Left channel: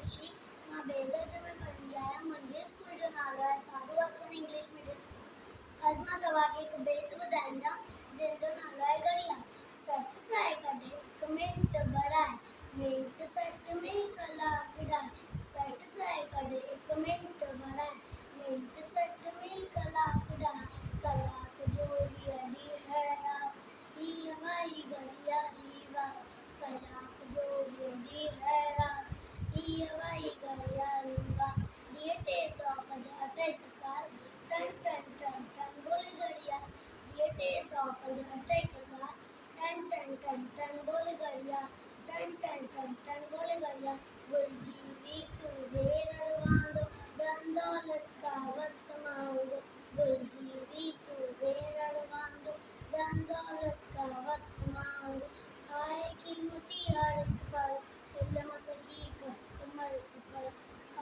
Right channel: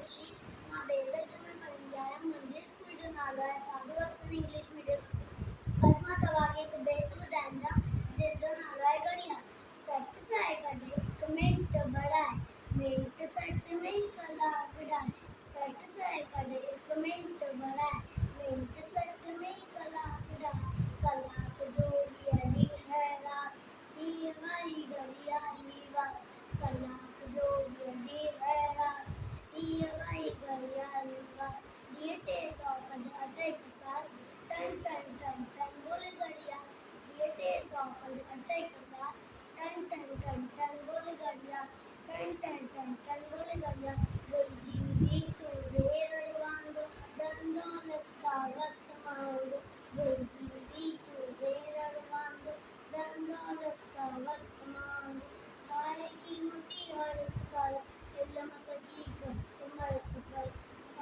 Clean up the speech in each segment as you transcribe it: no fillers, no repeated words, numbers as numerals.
खुशी मां ॿिए दर्जे में पढ़ंदी आहियां। मुंहिंजे स्कूल जो नालो आहे साधू वासवानी इंग्लिश मीडियम स्कूल। अॼु मां तव्हांखे हिकु बेत ॿुधाईंदा जंहिंजो नालो आहे घड़ियाल। सठ साए कढे हिकु मिंट बढ़ाए, मिंट सठ में कलाक ढाए। सठ साए कढे हिकु मिंट बढ़ाए, मिंट सठ में कलाक ढाए। कलाक जो वीह ॾींहं है रात, हीअ वाही घड़ियाली वात। कलाक जो वीह ॾींहं है रात, हीअ वाही घड़ियाली वात। ॾींहं 365 हिकु साल, टन टन टन टन बोले घड़ियाल। ॾींहं 365 हिकु साल, टन टन टन टन बोले घड़ियाल। टन टन टन टन बोले घड़ियाल। भुलिजी भी तू वेरड़ वांदो, धन दौलत का वक्त मांगो। भुलिजी भी तू वेरड़ वांदो, धन दौलत का वक्त मांगो। आहे कीमती हर हिकु पल, इल्म सकीकर उम्र सफल।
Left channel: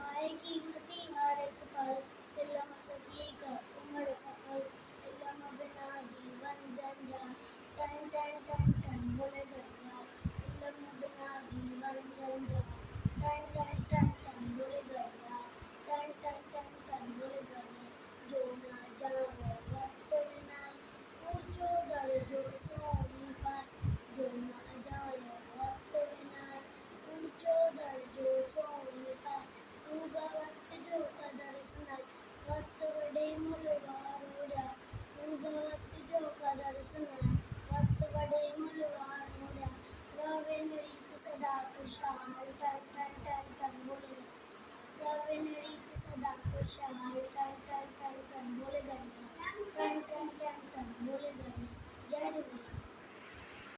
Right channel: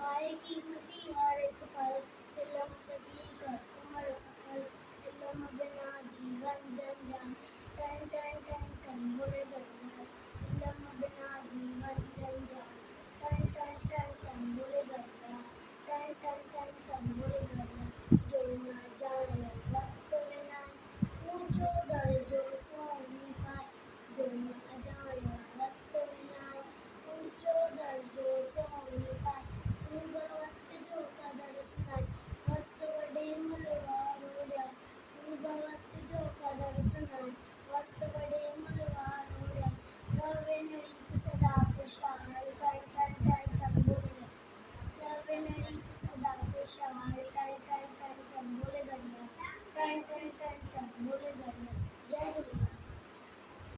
आहे कीमती हर हिकु पल, इल्म सकीकर उम्र सफल। इल्म बिना जीवन जंजाल, टन टन टन टन बोले घड़ियाल। इल्म बिना जीवन जंजाल, टन टन टन टन बोले घड़ियाल। टन टन टन टन बोले घड़ियाल। जो न जाने वक्त विनाए, ऊंचो दर्जो सोनी पाए। जो न जाने वक्त विनाए, ऊंचो दर्जो सोनी पाए। तू बि वक्त जो क़दुरु सुञाण, वक्त वॾे मुल्ह वारो ॾियार। तू बि वक्त जो क़दुरु सुञाण, वक्त वॾे मुल्ह वारो ॾियार। रवे न रीत सदा खुशहाल, टन टन टन टन बोले घड़ियाल। रवे न रीत सदा खुशहाल, टन टन टन टन बोले घड़ियाल। टन टन टन टन बोले घड़ियाल।